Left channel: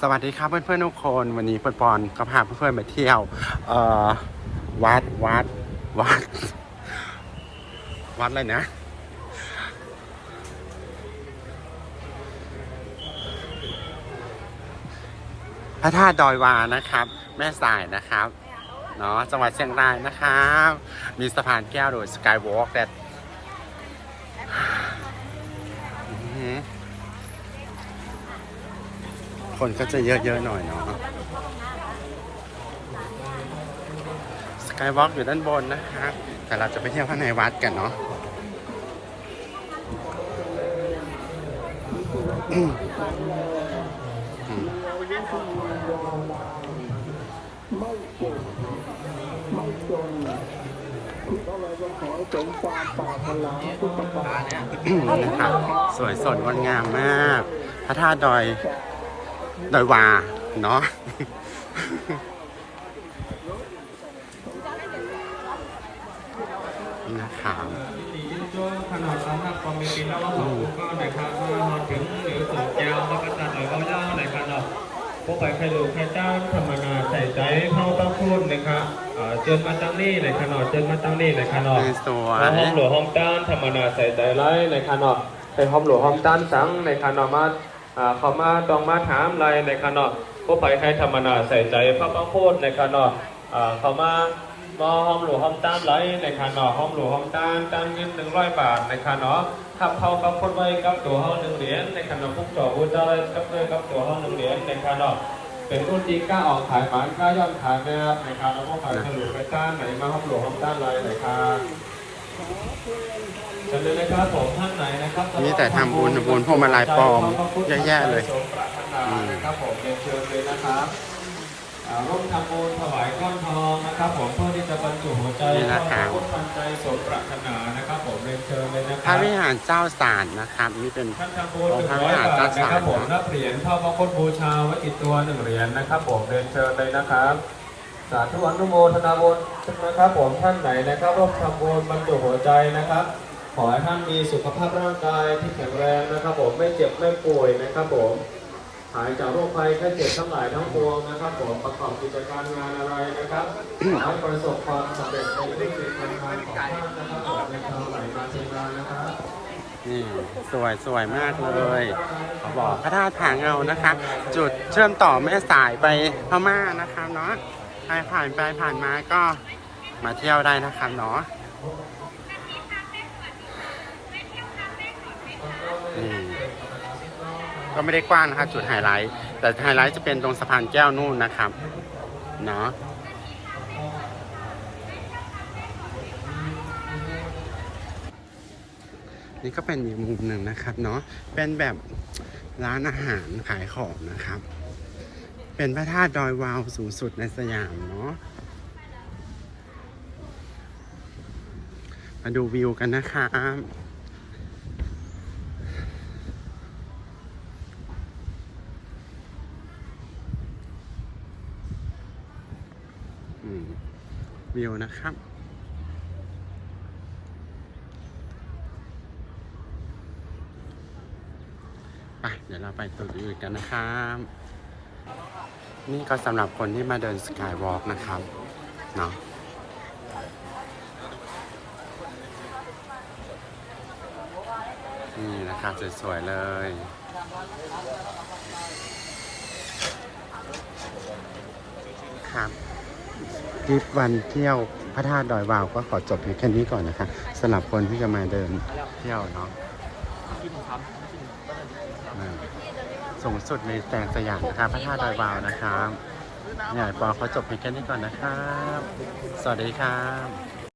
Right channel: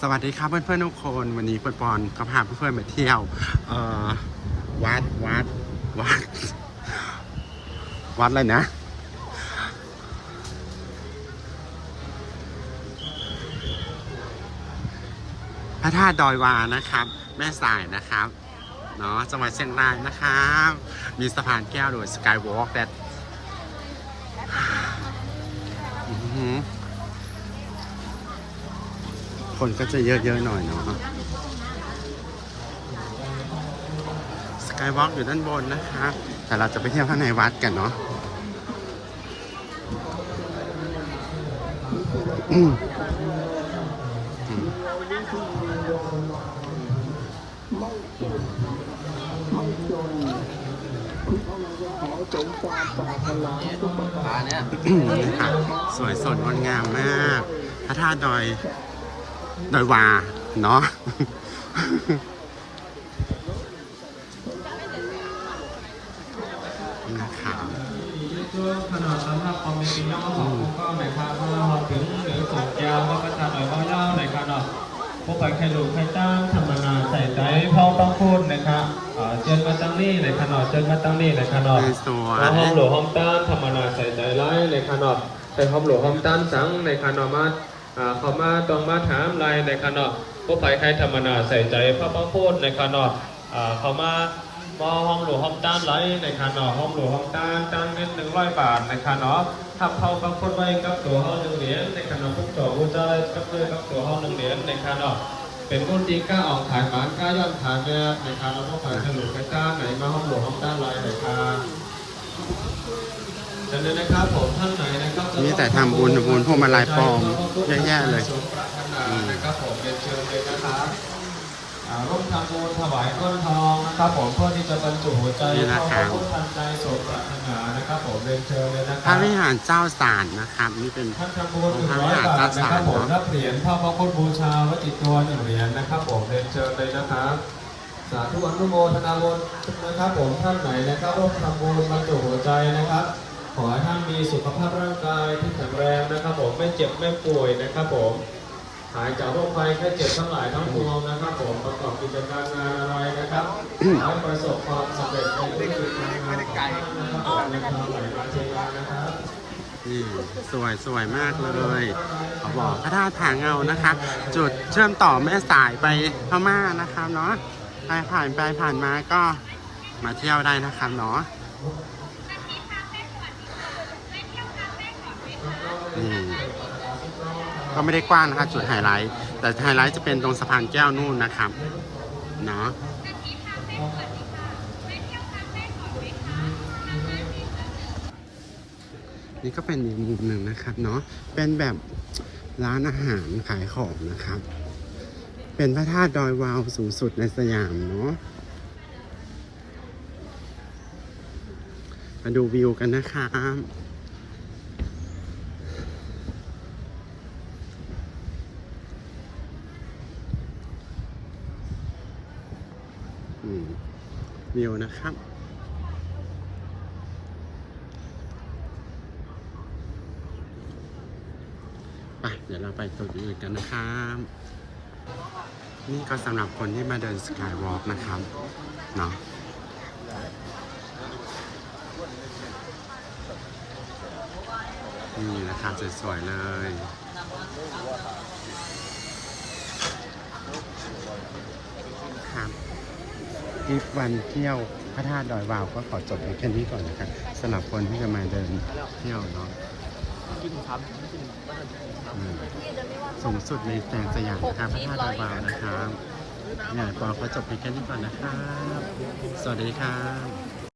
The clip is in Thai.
สวัสดีครับเพื่อนๆทุกคนวันนี้ปอนปอนก็พาเพื่อนๆมาเที่ยววัดวัดวัด วัดอะไรนะ พระธาตุดอยวานะครับ แม่สายนะครับเนาะจังหวัดเชียงรายนะครับ มีสะพานแก้วโดยสกายวอล์กแต่ คนก็จะเยอะๆหน่อยเนาะสกายวอล์กอยู่ด้านบนนะครับแต่เราจะไปเที่ยวข้างในวัดกันเนาะอืมอืมนะครับสวยสดงดงามมาก พระธาตุดอย ดอยวาเนาะนะครับช่วงขนาดนั้นถ้าความเป็นจริงแล้วว่าของผมก็ในคาถ้าหอถึงหรือสูงแก้วก็จะเอก็ย่าในขนาดผู้ไปเคยดูใครจ้างธรรมนาใส่ใจพ่อต้องพูดนะครับเจิญมาตั้งนี่ในขนาดเจิญมาตั้งนี่ในขนาดสวยห้องหลวงห้องด้านธรรมนาใส่ใจไล่ในขนาดไปห้องหลวงห้องด้านสังในขนาดมา อ่าเขามาต้องมาถามอะไรในขนาดผู้ไปใครธรรมนาใส่ใจพ่อต้องพูดในขนาดอ่าเขามาก็ห้องหลวงห้องต้านไลในคาหนอห้องหลวงห้องต้านต้านเงินหนึ่งร้อยบาทในคาหนอขับเข้ากับคนไว้กับตัวห้องหนึ่งเหรียญในคาหนอพวกต่ออุจจาระกับเงินกับตัวห้องหนึ่งเหรียญในคาหนอเป็นรุ่นดีกล้าออกขายหมานกล้าย่อนขายแบบในคาหนอพวกขายเฉลี่ยไปจ้างในมาห้องหลวงห้องต้านไลในคาเชิญเลยนะครับผมท่า นไหนนะครับนี่แต่ทำบุญบุญพวงมาลัยปลอมแย่ๆเลยอืมครับผมเรียนเชิญเลยนะครับอ่าร่วมทำบุญถวายก้อนทองนะครับ ผมเพื่อที่จะบรรจุหัวใจนี่นะครับขอพระพุทธทันใจสมปรารถนานะครับ ผมเรียนเชิญเลยนะคพระรับวิหารเจ้าสารนะครับนี่เป็นท่านทำบุญหนึ่งพระร้วิอยหารบาทนะครับผมเจ้าสารรับเหรียญพระมงคลบูชาไว้ติดตัวหนึ่งเหรียญนะครับ ผมเรียนเชิญเลยนะครับ สาธุอนุโมทนาบุญนะครับผมท่านไหนนะครับร่วมทำบุญบรรจุหัวใจนะครับ ขอให้ท่านมีสุขภาพร่างกายที่แข็งแรงนะครับผมไม่เจ็บไม่ป่วยนะครับผมหายจากโรคภัยแค่เจ็บทั้งหลายทั้งปวงนะครับผมประกอบกิจการงานอะไรนะครับให้ประสบความสำเร็จในธุรกิจการงานของท่านนะครับผมในทางหลายการใช้งานนะครับนี่สวยสวยมากเลยเขาบอกพระธาตุผาเงานะคะ จุดเชื่อมต่อแม่สายไปพม่านะครับเนาะ ใครผ่านไปผ่านมาก็มาเที่ยวได้นะครับเนาะนี่ก็ไม่ได้กว้างนะคะจุดไฮไลท์ แต่ไฮไลท์จะเป็นตรงสะพานแก้วนู่นนะครับ เนาะนี่ก็เป็นอีกมุมหนึ่งนะครับเนาะเป็นแบบร้านอาหารขายของนะครับ เป็นพระธาตุดอยวาวสูงสุดในสยามเนาะ มาดูวิวกันนะครับอืมวิวนะครับไปเดี๋ยวเราไปตัวอื่นกันนะครับ นี่ก็สำหรับคนที่มาเดินสกายวอล์กนะครับ เนาะนี่นะครับสวยๆเลย ครับคลิปวันเที่ยวพระธาตุดอยวาวก็ขอจบเพียงแค่นี้ก่อนนะครับสำหรับคนที่จะมาเดินเที่ยวเนาะ สูงสุดในแสงสยามนะครับพระธาตุดอยวาวนะครับเนี่ยปอเขาจบเพียงแค่นี้ก่อนนะครับ สวัสดีครับ